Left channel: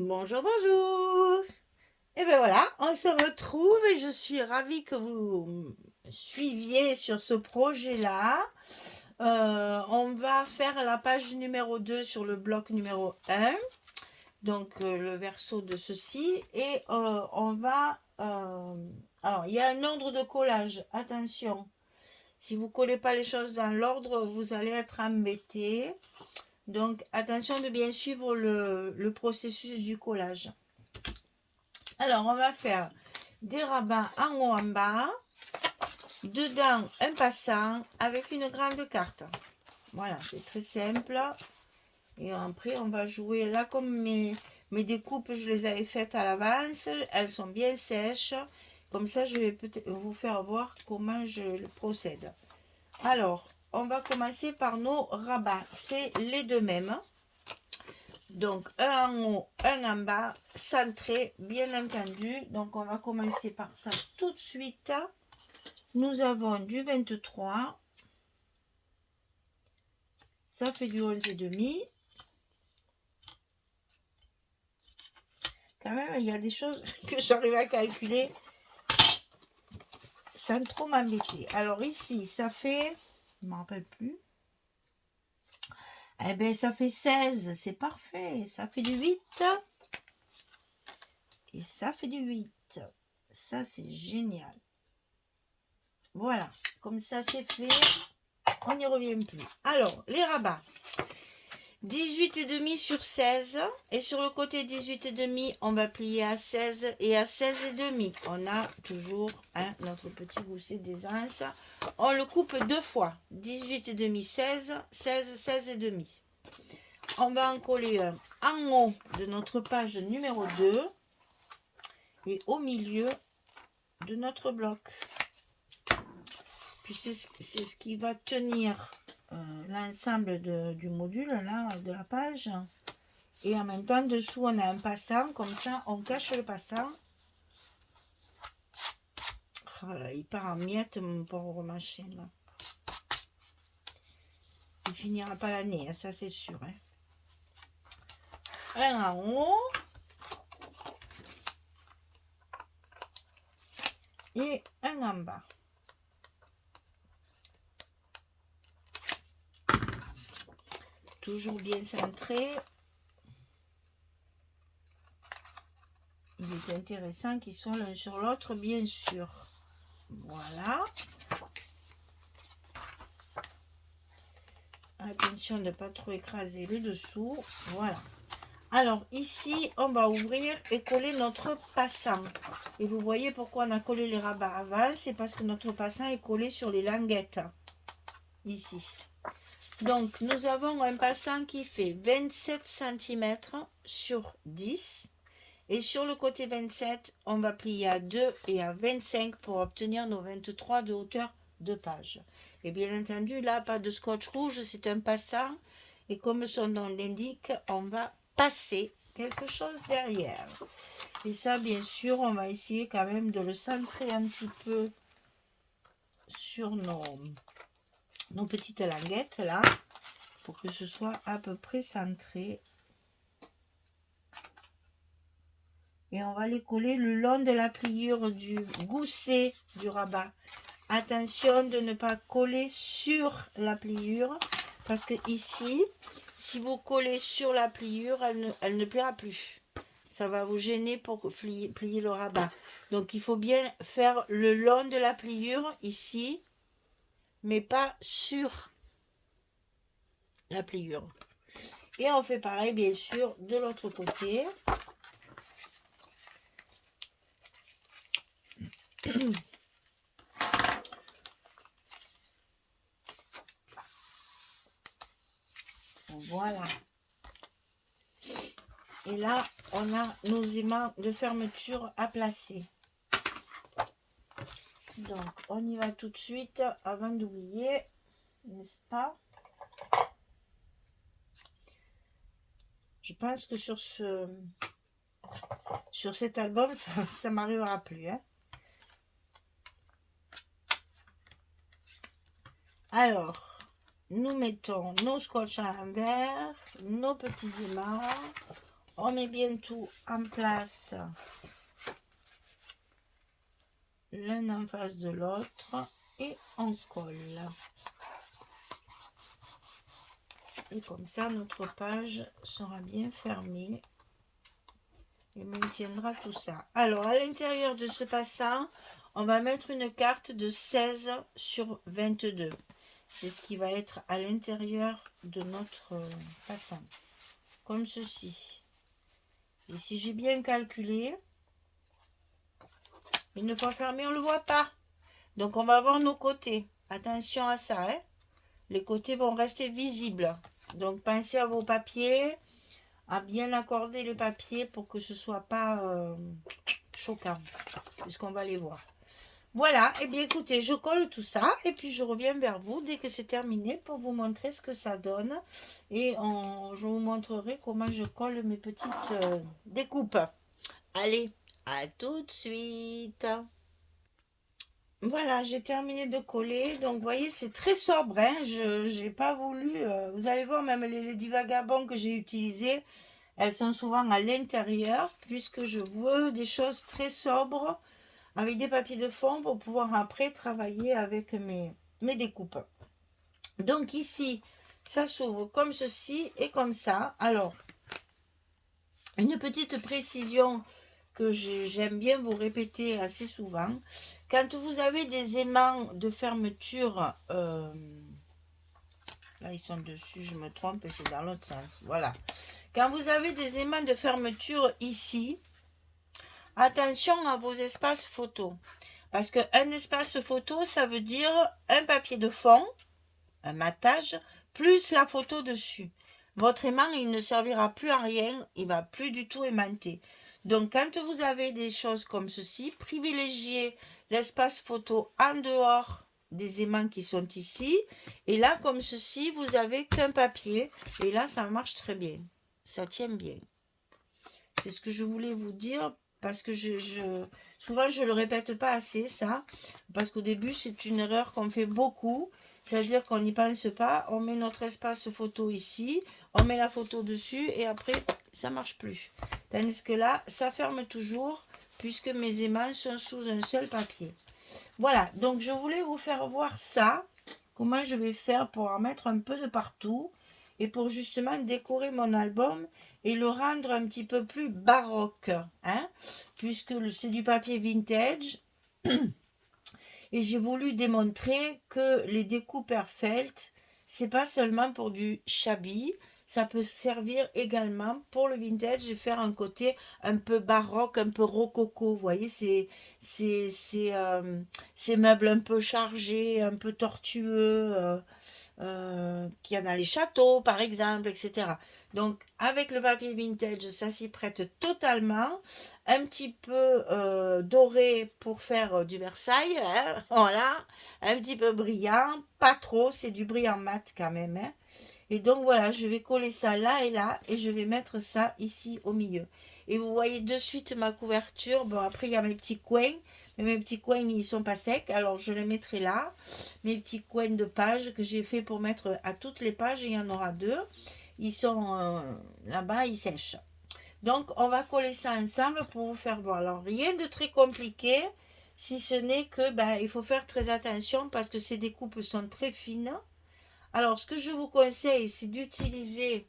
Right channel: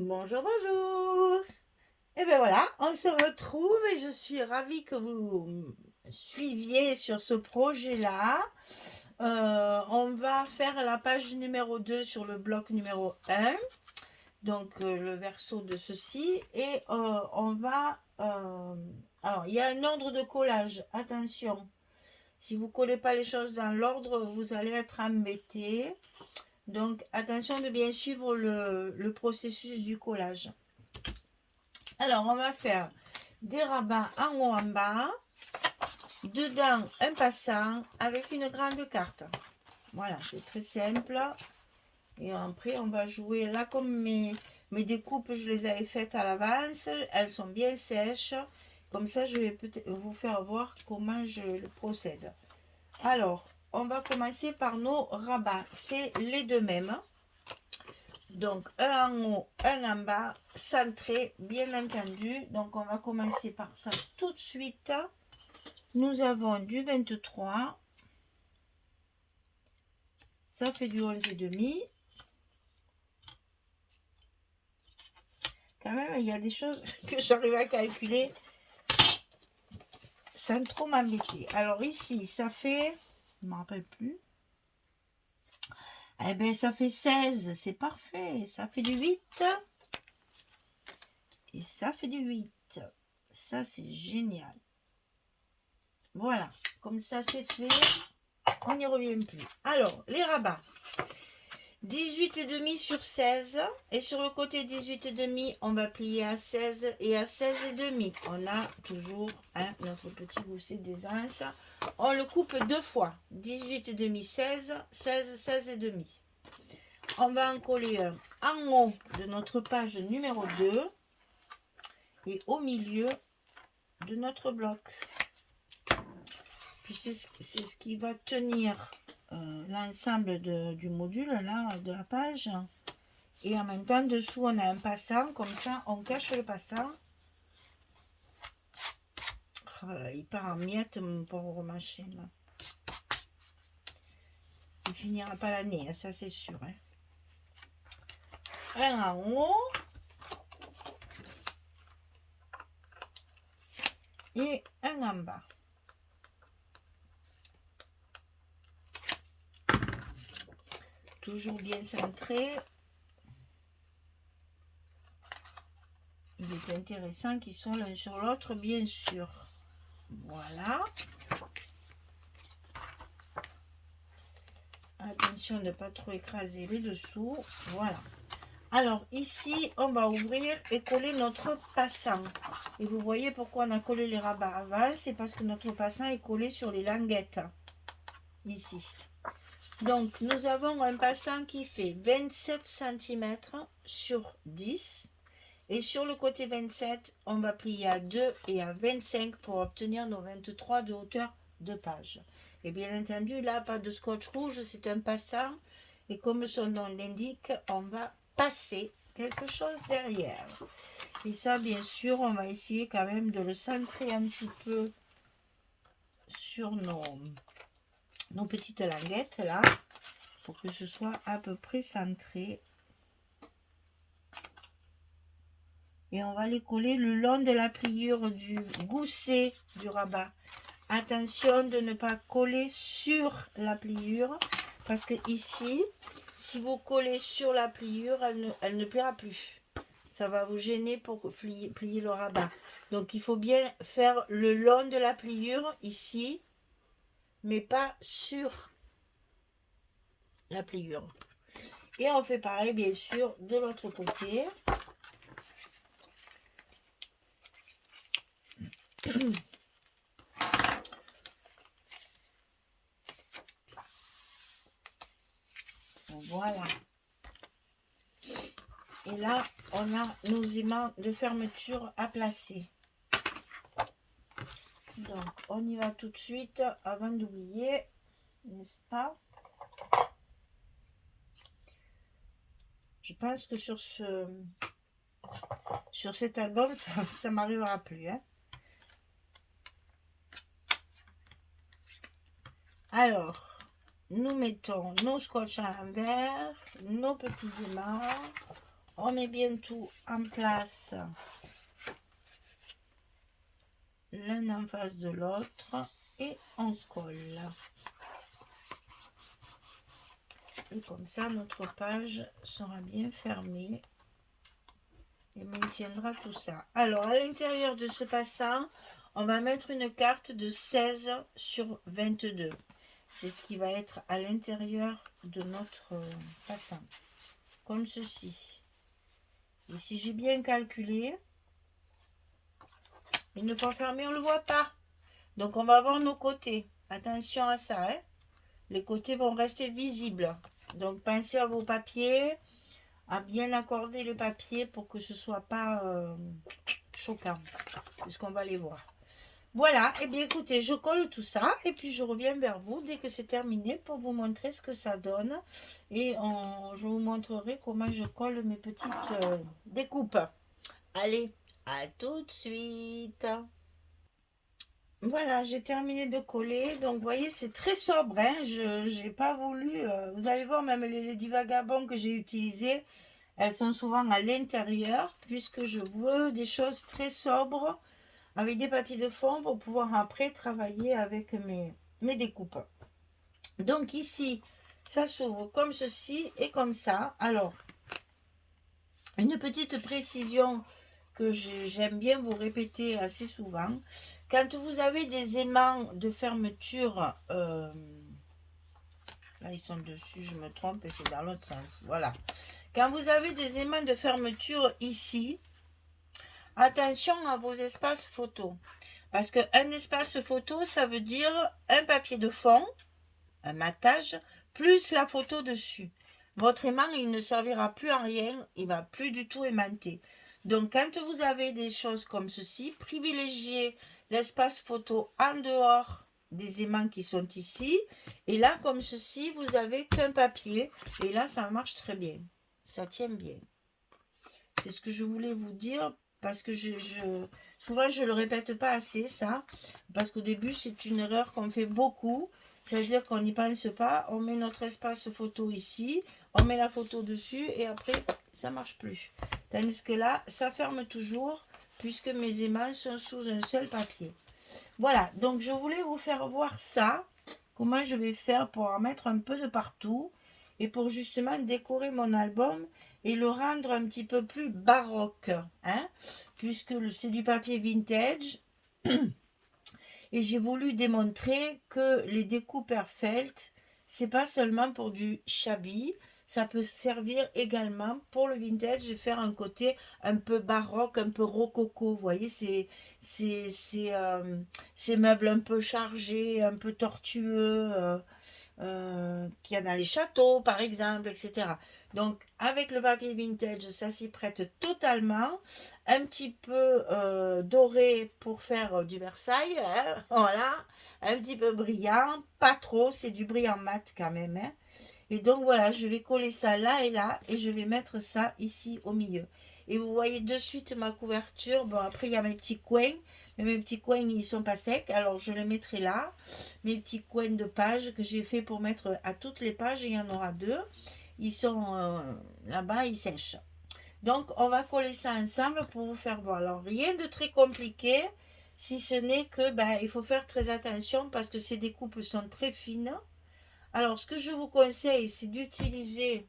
Bonjour, bonjour. Et bien voilà, on se retrouve et je suis ravie que vous suiviez sur ce projet-là. On va faire la page numéro 2 sur le bloc numéro 1, donc le verso de ceci. Et on va... alors, il y a un ordre de collage, attention. Si vous ne collez pas les choses dans l'ordre, vous allez être embêté. Donc, attention de bien suivre le processus du collage. Alors, on va faire des rabats en haut en bas, dedans un passant avec une grande carte. Voilà, c'est très simple. Et après, on va jouer là comme mes découpes, je les avais faites à l'avance. Elles sont bien sèches. Comme ça, je vais peut-être vous faire voir comment je procède. Alors, on va commencer par nos rabats. C'est les deux mêmes. Donc, un en haut, un en bas, centré, bien entendu. Donc, on va commencer par ça tout de suite. Nous avons du 23. Ça fait du 11,5. Quand même, il y a des choses que j'arrive à calculer sans trop m'embêter. Alors, ici, ça fait... Je ne me rappelle plus. Eh bien, ça fait 16. C'est parfait. Ça fait du 8. Et ça fait du 8. Ça, c'est génial. Voilà, comme ça c'est fait, on n'y revient plus. Alors, les rabats, 18,5 sur 16, et sur le côté 18,5, on va plier à 16 et à 16,5. On a toujours notre petit gousset d'aisance. On le coupe deux fois, 18,5, 16, 16, 16,5. On va en coller un en haut de notre page numéro 2 et au milieu de notre bloc. C'est ce qui va tenir l'ensemble du module là, de la page. Et en même temps, dessous, on a un passant. Comme ça, on cache le passant. Oh là, il part en miettes, mon pauvre machine. Il finira pas l'année, hein, ça c'est sûr. Hein. Un en haut. Et un en bas. Toujours bien centré. Il est intéressant qu'ils soient l'un sur l'autre, bien sûr. Voilà. Attention de ne pas trop écraser le dessous. Voilà. Alors ici, on va ouvrir et coller notre passant. Et vous voyez pourquoi on a collé les rabats avant. C'est parce que notre passant est collé sur les languettes. Ici. Donc, nous avons un passant qui fait 27 cm sur 10. Et sur le côté 27, on va plier à 2 et à 25 pour obtenir nos 23 de hauteur de page. Et bien entendu, là, pas de scotch rouge, c'est un passant. Et comme son nom l'indique, on va passer quelque chose derrière. Et ça, bien sûr, on va essayer quand même de le centrer un petit peu sur nos petites languettes, là, pour que ce soit à peu près centré. Et on va les coller le long de la pliure du gousset du rabat. Attention de ne pas coller sur la pliure, parce que ici, si vous collez sur la pliure, elle ne pliera plus. Ça va vous gêner pour plier le rabat. Donc il faut bien faire le long de la pliure ici, mais pas sur la pliure. Et on fait pareil bien sûr de l'autre côté. Voilà. Et là, on a nos aimants de fermeture à placer. Donc, on y va tout de suite avant d'oublier, n'est-ce pas? Je pense que sur cet album, ça m'arrivera plus. Hein. Alors, nous mettons nos scotch à l'envers, nos petits aimants. On met bien tout en place, l'un en face de l'autre, et on colle. Et comme ça, notre page sera bien fermée et maintiendra tout ça. Alors, à l'intérieur de ce passant, on va mettre une carte de 16 sur 22. C'est ce qui va être à l'intérieur de notre passant, comme ceci. Et si j'ai bien calculé, une fois fermé, on ne le voit pas. Donc, on va voir nos côtés. Attention à ça, hein. Les côtés vont rester visibles. Donc, pensez à vos papiers, à bien accorder les papiers pour que ce ne soit pas choquant, puisqu'on va les voir. Voilà, et bien écoutez, je colle tout ça et puis je reviens vers vous dès que c'est terminé pour vous montrer ce que ça donne. Et je vous montrerai comment je colle mes petites découpes. Allez, à tout de suite. Voilà, j'ai terminé de coller. Donc, vous voyez, c'est très sobre. Hein. Je n'ai pas voulu... vous allez voir, même les divagabonds que j'ai utilisés, elles sont souvent à l'intérieur, puisque je veux des choses très sobres, avec des papiers de fond, pour pouvoir après travailler avec mes découpes. Donc, ici, ça s'ouvre comme ceci et comme ça. Alors, une petite précision que j'aime bien vous répéter assez souvent. Quand vous avez des aimants de fermeture, là ils sont dessus, je me trompe et c'est dans l'autre sens, voilà. Quand vous avez des aimants de fermeture ici, attention à vos espaces photos. Parce qu'un espace photo, ça veut dire un papier de fond, un matage, plus la photo dessus. Votre aimant, il ne servira plus à rien, il ne va plus du tout aimanter. Donc, quand vous avez des choses comme ceci, privilégiez l'espace photo en dehors des aimants qui sont ici. Et là, comme ceci, vous avez qu'un papier. Et là, ça marche très bien. Ça tient bien. C'est ce que je voulais vous dire parce que souvent, je ne le répète pas assez, ça. Parce qu'au début, c'est une erreur qu'on fait beaucoup. C'est-à-dire qu'on n'y pense pas. On met notre espace photo ici. On met la photo dessus et après, ça ne marche plus. Tandis que là, ça ferme toujours puisque mes aimants sont sous un seul papier. Voilà, donc je voulais vous faire voir ça. Comment je vais faire pour en mettre un peu de partout et pour justement décorer mon album et le rendre un petit peu plus baroque, hein, puisque c'est du papier vintage. Et j'ai voulu démontrer que les découpes Airfelt, c'est pas seulement pour du shabby, ça peut servir également pour le vintage et faire un côté un peu baroque, un peu rococo. Vous voyez, ces meubles un peu chargés, un peu tortueux, qu'il y en a les châteaux par exemple, etc. Donc avec le papier vintage, ça s'y prête totalement. Un petit peu doré pour faire du Versailles, hein, voilà. Un petit peu brillant, pas trop, c'est du brillant mat quand même. Hein. Et donc voilà, je vais coller ça là et je vais mettre ça ici au milieu. Et vous voyez de suite ma couverture. Bon, après il y a mes petits coins. Mais mes petits coins, ils sont pas secs, alors je les mettrai là. Mes petits coins de pages que j'ai fait pour mettre à toutes les pages, il y en aura deux. Ils sont là-bas, ils sèchent. Donc, on va coller ça ensemble pour vous faire voir. Alors, rien de très compliqué, si ce n'est que il faut faire très attention parce que ces découpes sont très fines. Alors, ce que je vous conseille, c'est d'utiliser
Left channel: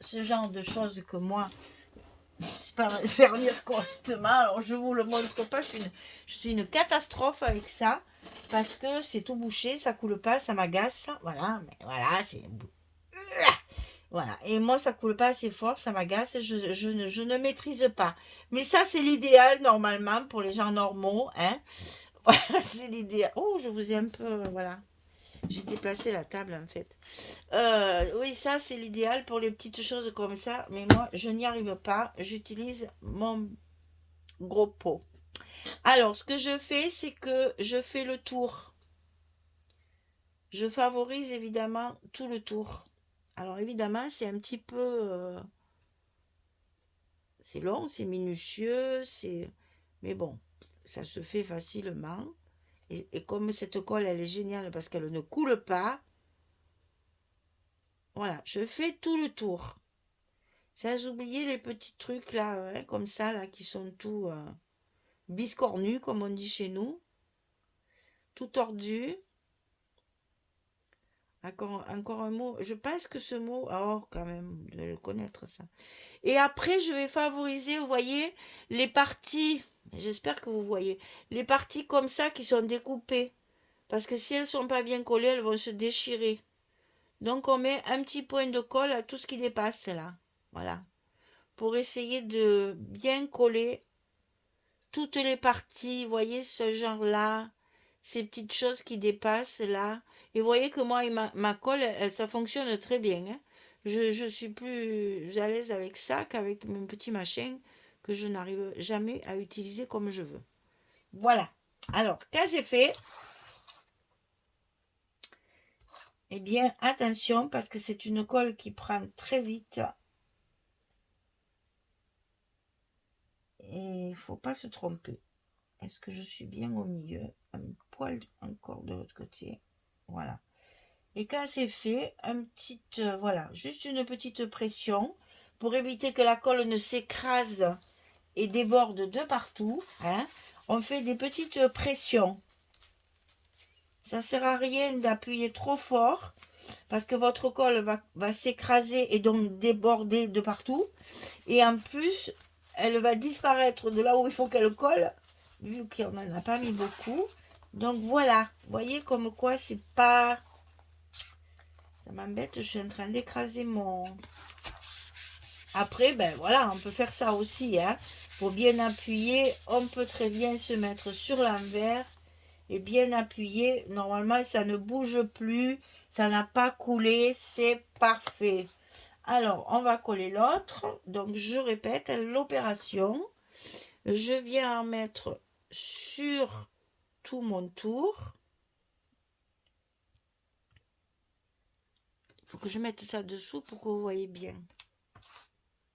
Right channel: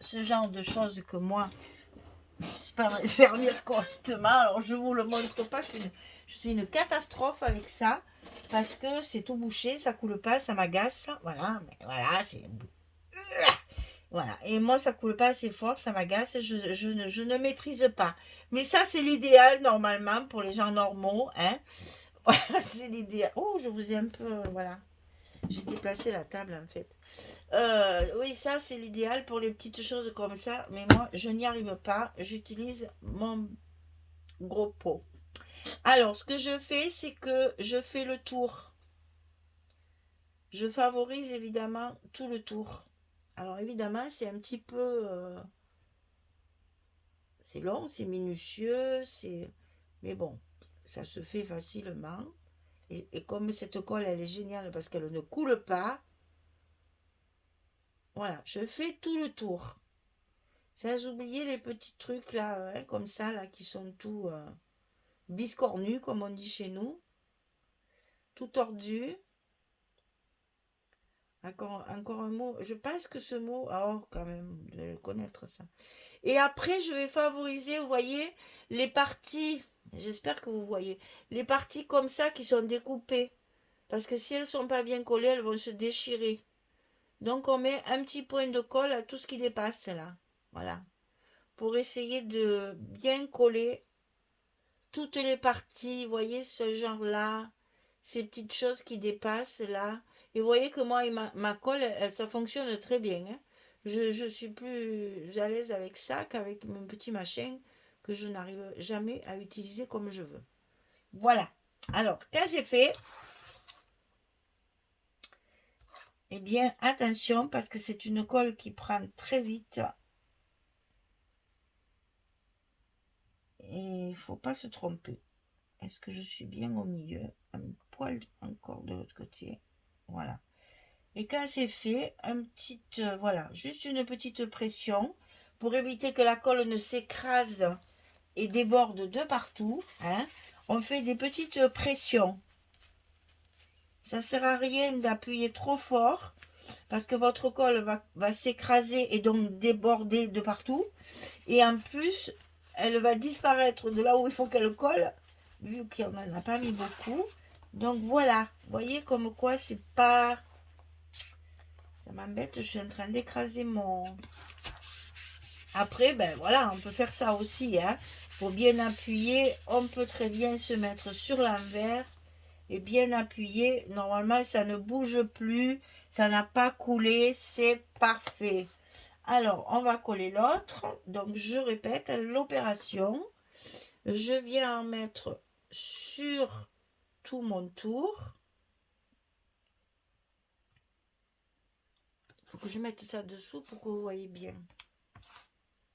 ce genre de choses que moi, j'espère me servir correctement. Alors, je ne vous le montre pas. Je suis une catastrophe avec ça parce que c'est tout bouché, ça coule pas, ça m'agace. Voilà, mais voilà, c'est... Voilà, et moi ça coule pas assez fort, ça m'agace, je ne maîtrise pas. Mais ça c'est l'idéal normalement pour les gens normaux, hein. Voilà, c'est l'idéal. Oh, je vous ai un peu, voilà. J'ai déplacé la table en fait. Oui, ça c'est l'idéal pour les petites choses comme ça, mais moi je n'y arrive pas. J'utilise mon gros pot. Alors, ce que je fais, c'est que je fais le tour. Je favorise évidemment tout le tour. Alors évidemment, c'est un petit peu... c'est long, c'est minutieux, mais bon, ça se fait facilement. Et comme cette colle, elle est géniale parce qu'elle ne coule pas, voilà, je fais tout le tour. Sans oublier les petits trucs là, hein, comme ça, là, qui sont tout biscornus, comme on dit chez nous, tout tordu. Encore un mot. Je pense que ce mot, oh, quand même, de le connaître ça. Et après, je vais favoriser, vous voyez, les parties, j'espère que vous voyez, les parties comme ça qui sont découpées. Parce que si elles sont pas bien collées, elles vont se déchirer. Donc, on met un petit point de colle à tout ce qui dépasse là. Voilà. Pour essayer de bien coller toutes les parties, vous voyez, ce genre-là, ces petites choses qui dépassent là. Et vous voyez que moi, ma colle, ça fonctionne très bien, hein. Je suis plus à l'aise avec ça qu'avec mon petit machin que je n'arrive jamais à utiliser comme je veux. Voilà. Alors, quand c'est fait, eh bien, attention, parce que c'est une colle qui prend très vite. Et il ne faut pas se tromper. Est-ce que je suis bien au milieu? Un poil encore de l'autre côté. Voilà. Et quand c'est fait, voilà, juste une petite pression pour éviter que la colle ne s'écrase et déborde de partout, hein. On fait des petites pressions. Ça ne sert à rien d'appuyer trop fort parce que votre colle va s'écraser et donc déborder de partout. Et en plus, elle va disparaître de là où il faut qu'elle colle, vu qu'on n'en a pas mis beaucoup. Donc voilà, vous voyez comme quoi c'est pas... Ça m'embête, je suis en train d'écraser mon... Après, ben voilà, on peut faire ça aussi, hein. Pour bien appuyer, on peut très bien se mettre sur l'envers et bien appuyer. Normalement, ça ne bouge plus, ça n'a pas coulé, c'est parfait. Alors, on va coller l'autre. Donc, je répète l'opération. Je viens en mettre sur tout mon tour. Il faut que je mette ça dessous pour que vous voyez bien.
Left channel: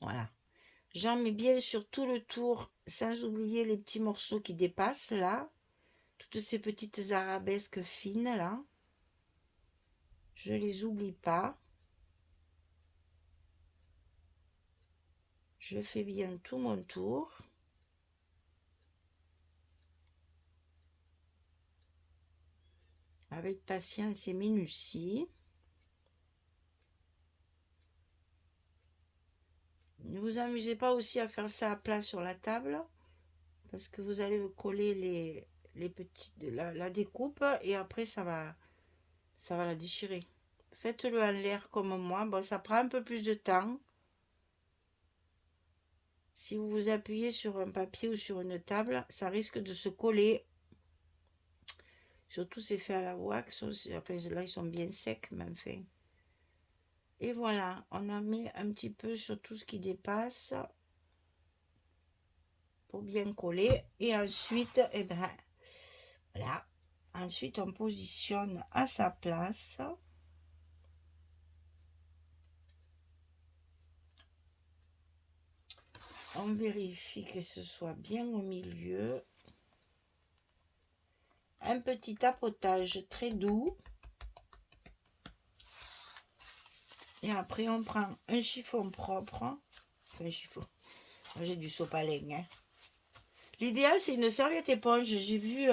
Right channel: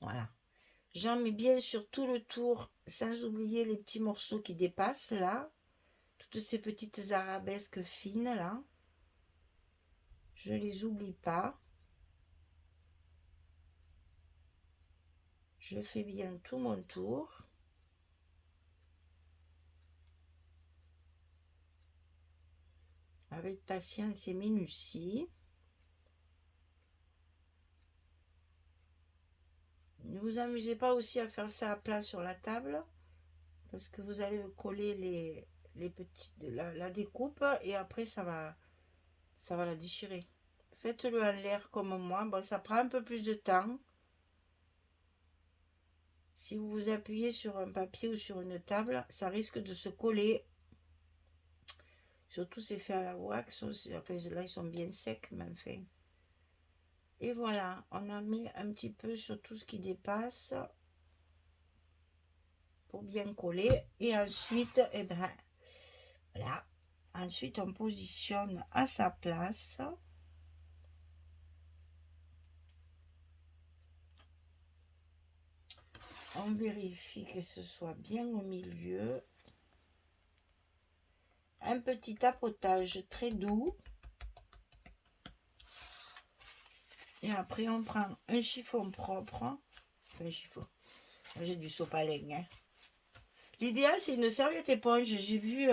Voilà. J'en mets bien sur tout le tour, sans oublier les petits morceaux qui dépassent là. Toutes ces petites arabesques fines là. Je les oublie pas. Je fais bien tout mon tour. Avec patience et minutie. Ne vous amusez pas aussi à faire ça à plat sur la table, parce que vous allez coller les petites, la découpe et après ça va la déchirer. Faites-le en l'air comme moi. Bon, ça prend un peu plus de temps. Si vous vous appuyez sur un papier ou sur une table, ça risque de se coller. Surtout c'est fait à la wax. Enfin, là, ils sont bien secs, mais enfin. Et voilà, on a mis un petit peu sur tout ce qui dépasse pour bien coller. Et ensuite, eh ben, voilà. Ensuite, on positionne à sa place. On vérifie que ce soit bien au milieu. Un petit tapotage très doux. Et après, on prend un chiffon propre. Un chiffon. J'ai du sopalin. Hein. L'idéal, c'est une serviette éponge. J'ai vu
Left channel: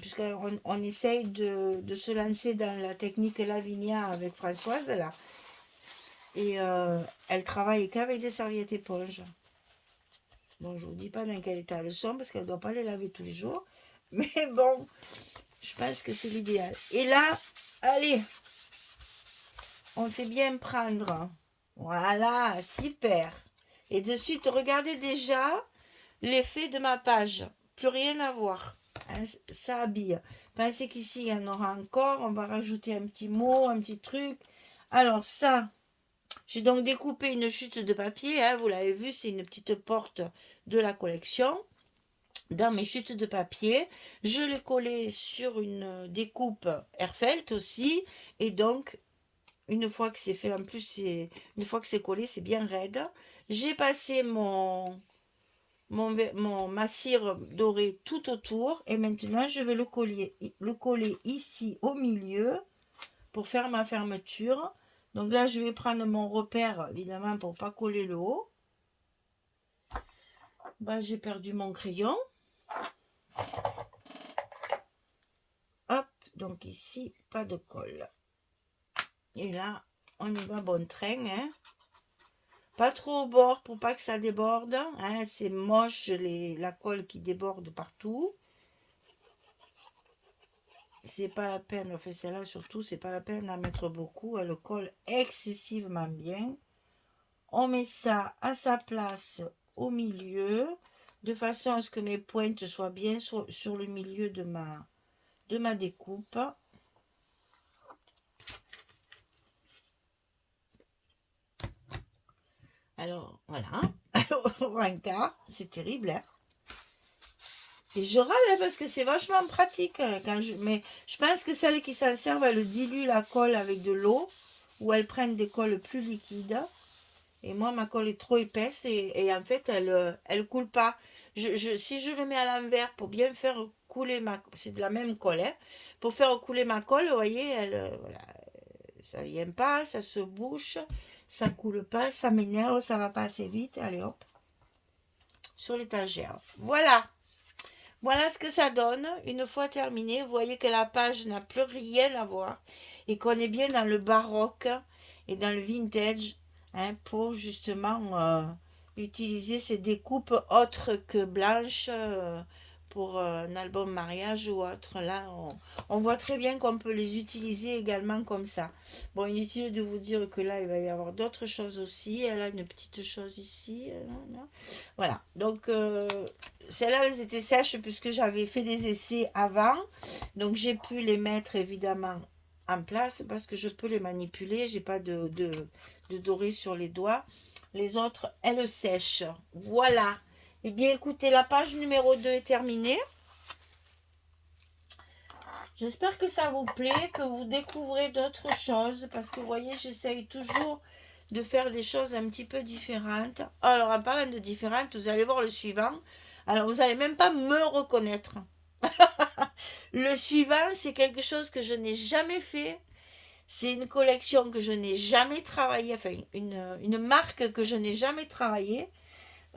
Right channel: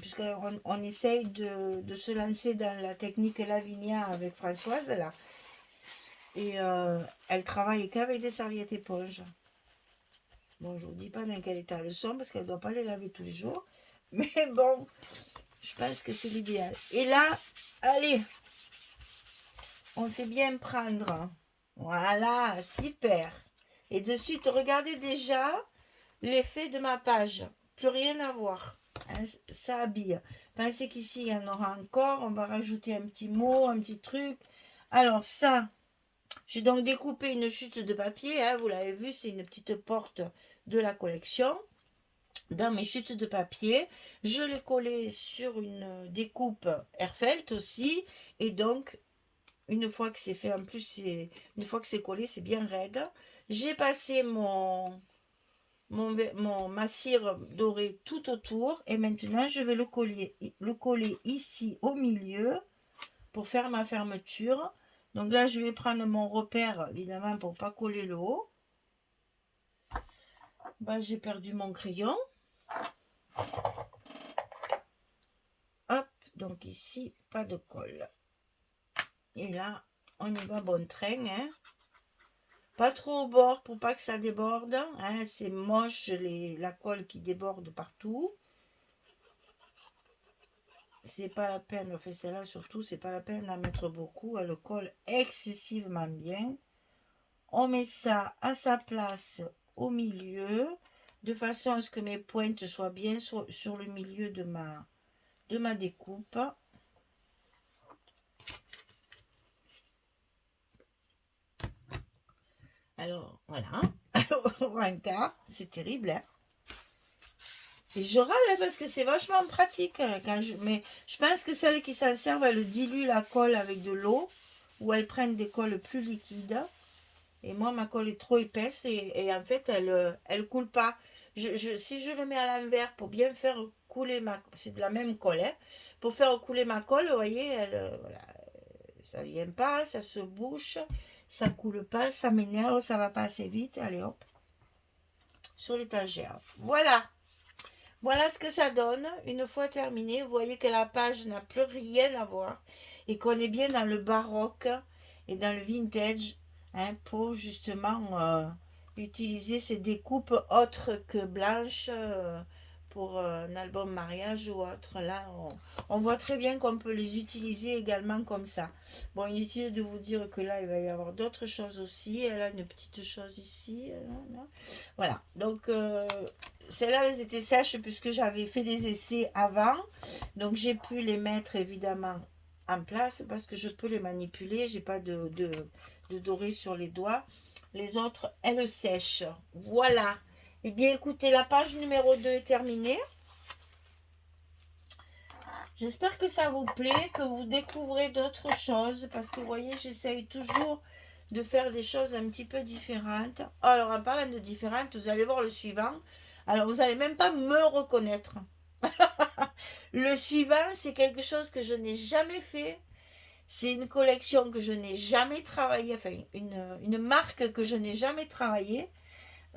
puisqu'on on essaye de se lancer dans la technique Lavinia avec Françoise, là. Et elle travaille qu'avec des serviettes éponges. Bon, je vous dis pas dans quel état elles sont, parce qu'elle ne doit pas les laver tous les jours. Mais bon, je pense que c'est l'idéal. Et là, allez, on fait bien prendre. Voilà, super. Et de suite, regardez déjà l'effet de ma page. Plus rien à voir. Hein, ça habille. Pensez qu'ici, il y en aura encore. On va rajouter un petit mot, un petit truc. Alors ça, j'ai donc découpé une chute de papier. Hein, vous l'avez vu, c'est une petite porte de la collection. Dans mes chutes de papier, je l'ai collé sur une découpe Airfelt aussi. Et donc, une fois que c'est fait, en plus, une fois que c'est collé, c'est bien raide. J'ai passé ma cire dorée tout autour. Et maintenant, je vais le coller ici au milieu pour faire ma fermeture. Donc là, je vais prendre mon repère, évidemment, pour pas coller le haut. Ben, j'ai perdu mon crayon. Hop, donc ici, pas de colle. Et là, on y va bon train, hein. Pas trop au bord pour pas que ça déborde, hein. C'est moche, la colle qui déborde partout. C'est pas la peine, enfin celle-là surtout, c'est pas la peine d'en mettre beaucoup. Elle colle excessivement bien. On met ça à sa place au milieu, de façon à ce que mes pointes soient bien sur le milieu de ma découpe. Alors, voilà. Un quart, c'est terrible, hein. Et je râle hein, parce que c'est vachement pratique. Mais je pense que celles qui s'en servent, elles diluent la colle avec de l'eau ou elles prennent des colles plus liquides. Et moi, ma colle est trop épaisse et en fait, elle coule pas. Si je le mets à l'envers pour bien faire couler c'est de la même colle, hein. Pour faire couler ma colle, vous voyez, voilà, ça vient pas, ça se bouche, ça coule pas, ça m'énerve, ça va pas assez vite. Allez hop, sur l'étagère. Voilà. Voilà ce que ça donne. Une fois terminé, vous voyez que la page n'a plus rien à voir et qu'on est bien dans le baroque et dans le vintage, hein, pour justement utiliser ces découpes autres que blanches pour un album mariage ou autre. Là, on voit très bien qu'on peut les utiliser également comme ça. Bon, inutile de vous dire que là, il va y avoir d'autres choses aussi. Elle a une petite chose ici. Voilà. Donc, celles-là, elles étaient sèches puisque j'avais fait des essais avant. Donc, j'ai pu les mettre évidemment en place parce que je peux les manipuler. J'ai pas de doré sur les doigts. Les autres, elles sèchent. Voilà. Eh bien, écoutez, la page numéro 2 est terminée. J'espère que ça vous plaît, que vous découvrez d'autres choses, parce que vous voyez, j'essaye toujours de faire des choses un petit peu différentes. Alors, en parlant de différentes, vous allez voir le suivant. Alors, vous n'allez même pas me reconnaître. Le suivant, c'est quelque chose que je n'ai jamais fait. C'est une collection que je n'ai jamais travaillée, enfin, une marque que je n'ai jamais travaillée.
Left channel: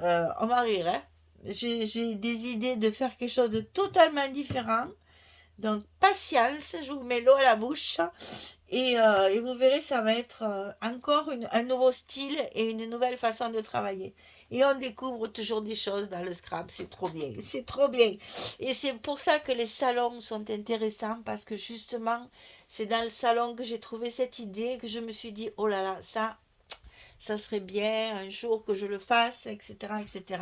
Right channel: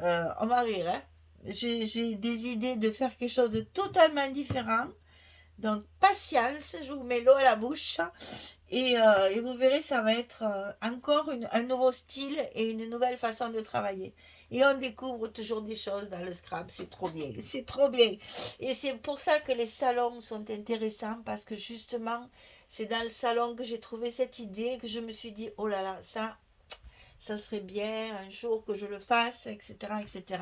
On va rire, hein. J'ai des idées de faire quelque chose de totalement différent. Donc, patience, je vous mets l'eau à la bouche. Et vous verrez, ça va être encore un nouveau style et une nouvelle façon de travailler. Et on découvre toujours des choses dans le scrap, c'est trop bien, c'est trop bien. Et c'est pour ça que les salons sont intéressants, parce que justement, c'est dans le salon que j'ai trouvé cette idée, que je me suis dit, oh là là, ça serait bien un jour que je le fasse, etc., etc.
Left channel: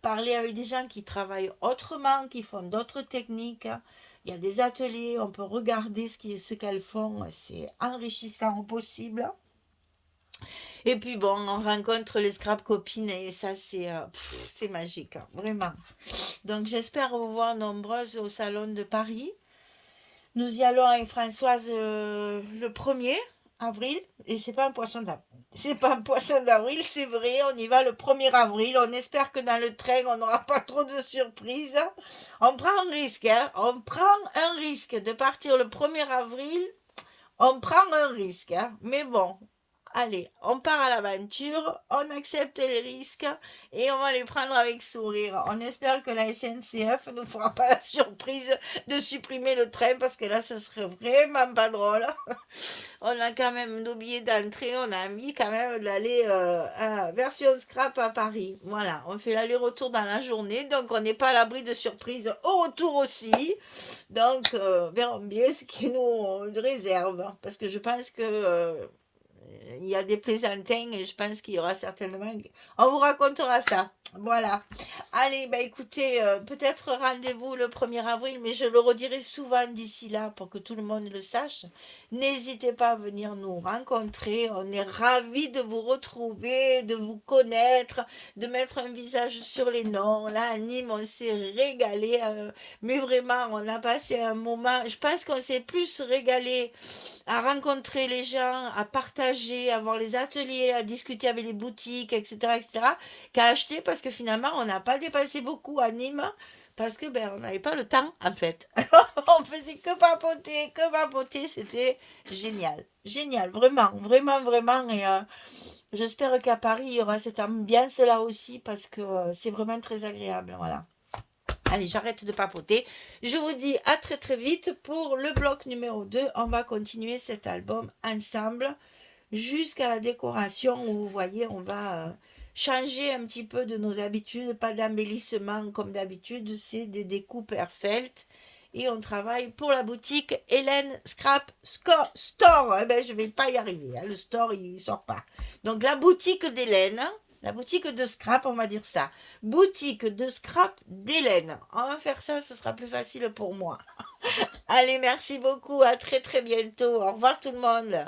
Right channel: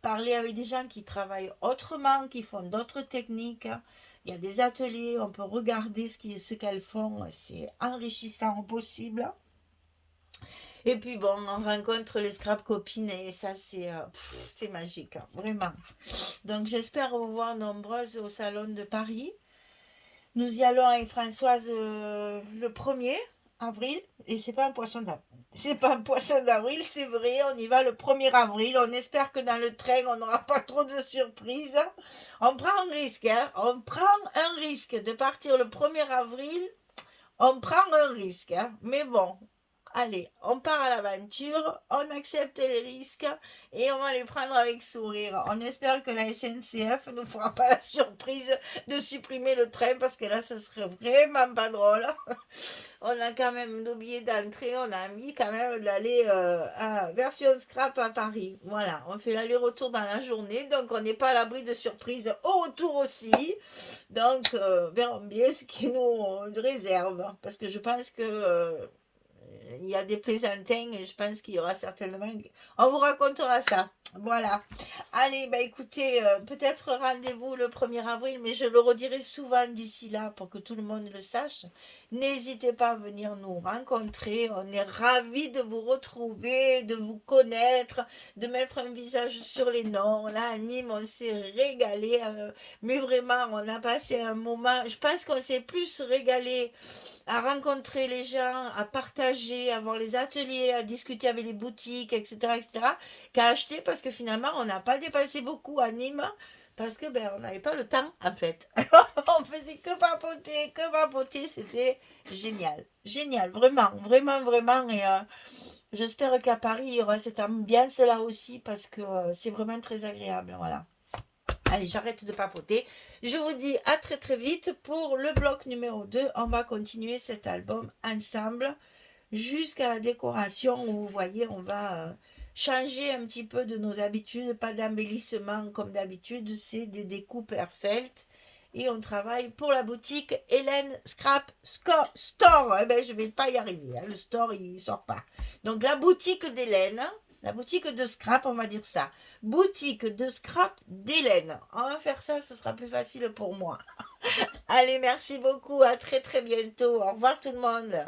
Parler avec des gens qui travaillent autrement, qui font d'autres techniques. Il y a des ateliers, on peut regarder ce qu'elles font, c'est enrichissant au possible. Et puis bon, on rencontre les scrap copines et ça c'est magique, hein, vraiment. Donc j'espère vous voir nombreuses au salon de Paris. Nous y allons avec Françoise le 1er avril et c'est pas un poisson d'avril. C'est pas un poisson d'avril, c'est vrai, on y va le 1er avril. On espère que dans le train, on n'aura pas trop de surprises. On prend un risque, hein. On prend un risque de partir le 1er avril. On prend un risque, hein. Mais bon, allez, on part à l'aventure, on accepte les risques et on va les prendre avec sourire. On espère que la SNCF ne fera pas la surprise de supprimer le train parce que là, ce serait vraiment pas drôle. On a quand même nos billets d'entrée, on a envie quand même d'aller à la version scrap à Paris. Voilà, on fait l'aller-retour dans la journée, donc on n'est pas à l'abri de surprises au retour aussi. Donc, verrons bien ce qui nous réserve parce que je pense que il y a des plaisantins et je pense qu'il y aura certainement. On vous racontera ça. Voilà. Allez, bah écoutez, peut-être rendez-vous le 1er avril, mais je le redirai souvent d'ici là pour que tout le monde le sache. N'hésitez pas à venir nous rencontrer. On est ravis de vous retrouver, de vous connaître, de mettre un visage sur les noms. Là, à Nîmes, on s'est régalé. Mais vraiment, on a passé un moment. Je pense qu'on s'est plus régalé à rencontrer les gens, à partager, à voir les ateliers, à discuter avec les boutiques, etc., qu'à acheter parce que finalement, on n'a pas dépensé beaucoup à Nîmes. parce que ben, on n'avait pas le temps en fait. On faisait que papoter, c'était génial. Génial, vraiment, vraiment, vraiment. Et j'espère qu'à Paris, il y aura cette ambiance-là aussi parce que c'est vraiment très agréable. Voilà. Allez, j'arrête de papoter. Je vous dis à très très vite pour le bloc numéro 2. On va continuer cet album ensemble jusqu'à la décoration où vous voyez, on va changer un petit peu de nos habitudes. Pas d'embellissement comme d'habitude, c'est des découpes Airfelt. Et on travaille pour la boutique Hélène Scrap Store. Eh ben, je ne vais pas y arriver. Hein. Le store, il ne sort pas. Donc, la boutique d'Hélène, la boutique de scrap, on va dire ça. Boutique de scrap d'Hélène. On va faire ça, ce sera plus facile pour moi. Allez, merci beaucoup. À très très bientôt. Au revoir tout le monde.